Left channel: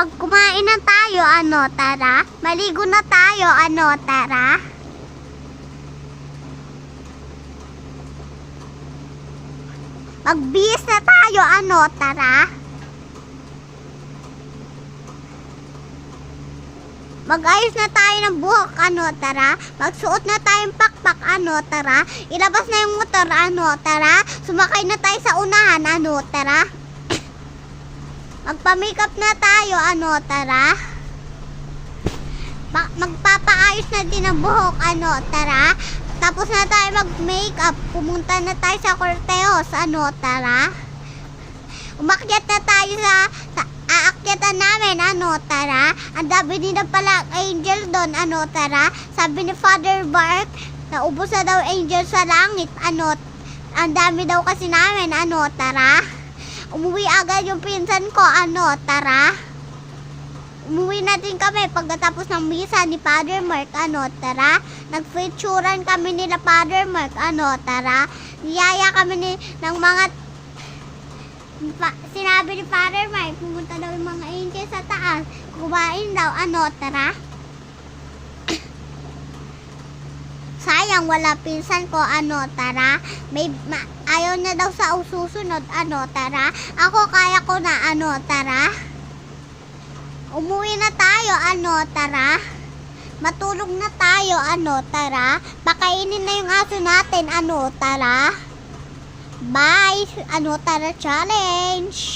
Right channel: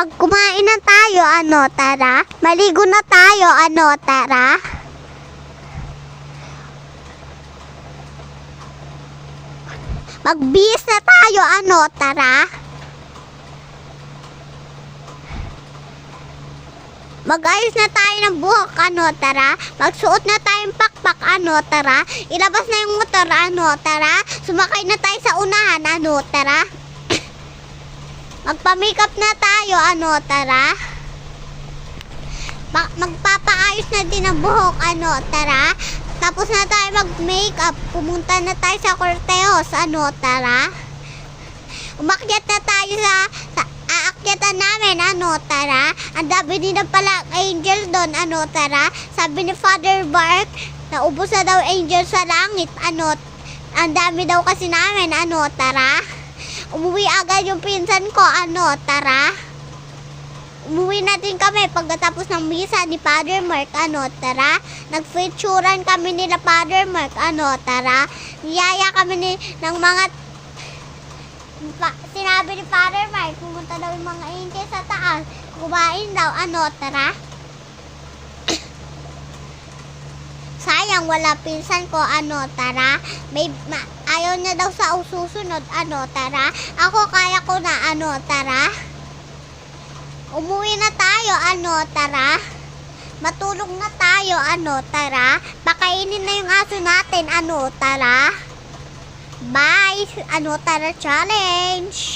Magkumain na tayo, ano, tara. Maligo na tayo, ano, tara. Magbihis na tayo, ano, tara. Mag-ayos na tayo ng buhok, ano, tara. Magsuot na tayong pakpak, ano, tara. Ilabas na yung motor, ano, tara. Sumakay na tayo sa unahan, ano, tara. Magpa-makeup na tayo, ano, tara. Magpapaayos na din ang buhok, ano, tara. Tapos na tayo mag-makeup. Pumunta na tayo sa Cortejos, ano, tara. Umakyat na tayo sa aakyatan namin, ano, tara. Ang dami din na pala angel doon, ano, tara. Sabi ni Father Bark, naubos na daw angel sa langit, ano. Ang dami daw kasi namin, ano, tara. Umuwi agad yung pinsan ko, ano, tara. Umuwi na din kami pagkatapos ng misa ni Father Mark, ano, tara. Nagfeaturean kami nila Father Mark, ano, tara. Niyaya kami ng mga sinabi ni Father Mark, pumunta daw yung mga angel sa taas. Kumain daw, ano, tara. Sayang, wala pinsan ko, ano, tara. Ayaw niya daw sa susunod, ano, tara. Ako, kaya ko na, ano, tara. Umuwi na tayo, ano, tara. Matulog na tayo, ano, tara. Pakainin na yung aso natin, ano, tara. Bye, ano, tara, challenge.